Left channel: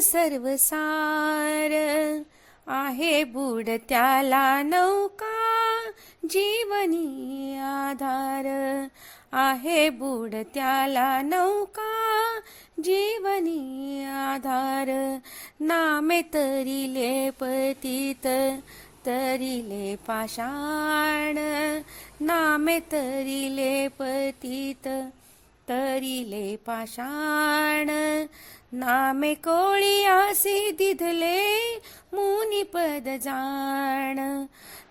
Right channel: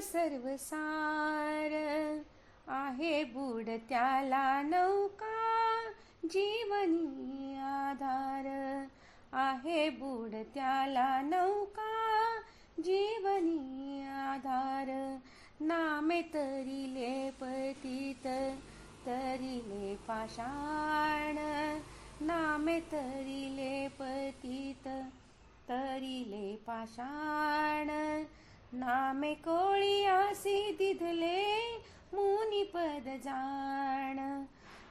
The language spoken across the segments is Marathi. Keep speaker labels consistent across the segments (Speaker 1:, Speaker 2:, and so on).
Speaker 1: सर्वसार आहे बुडत्याला नौका जीवनी आधार. आहे बुडत्याला नौका जीवनी आधार. नामे तरिले पतित तरिले पाषाण. नामे तरिले पतित तरिले पाषाण. नामे कोळी आसी दिधले मुनी पद जाण.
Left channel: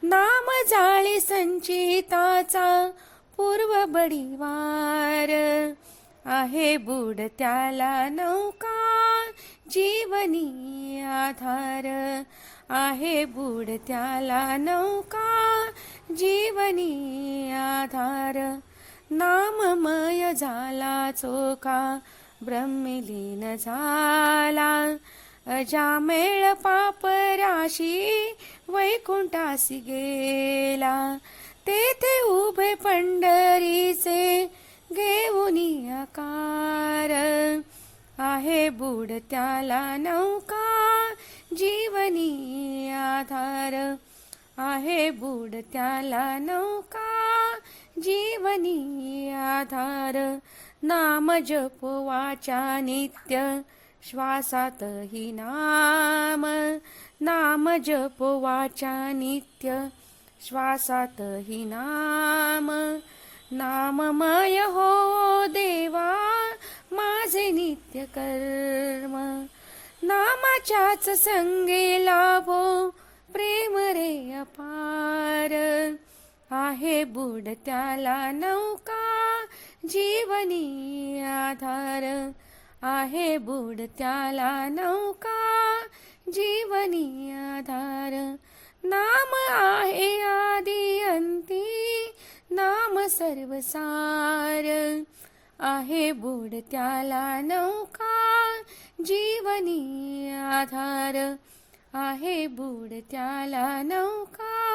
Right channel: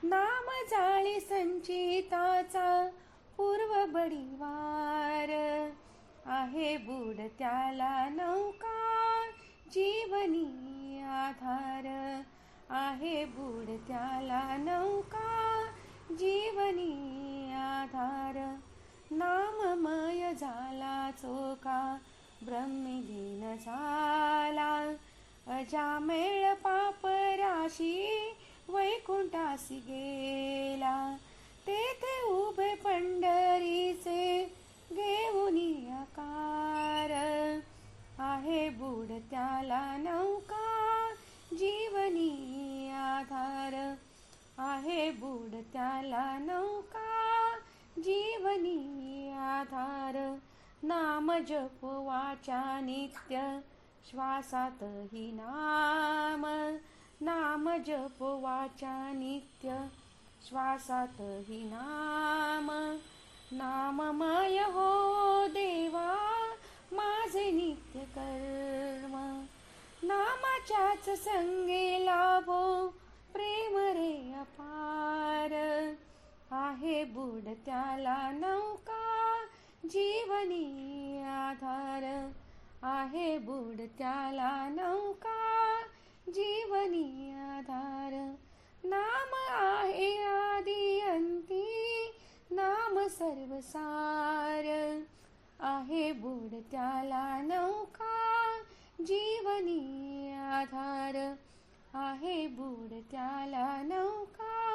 Speaker 1: नाम जाळे संचिताचा पूर्व बडीवार. आहे बुड त्याला नौका जीवनी आधार. आहे बुड त्याला नौका जीवनी आधार. नाममय झाला चोका ब्रह्मलीन झाला. अजामेळ पापराशी वैकुंठासी गेला. तेथे उभे पंढरीचे घेऊन आकार. आहे बुड त्याला नौका जीवनी आधार. आहे बुड त्याला नौका जीवनी आधार. नाम जप वाचा नित्य श्वासातही नाम. नाम जप वाचा नित्य श्वासातही नाम. नाममय हो देवा माझे नित्य कर्म. नामाच्याच संगे लाभो प्रेम रे अपार. आहे बुड त्याला नौका जीवनी आधार आहे बुडत्याला नौका. जीवनी आधार नाम आहे आदी अंती नाम सर्वसार आहे बुडत्याला नौका. जीवनी आधार आहे बुडत्याला नौका.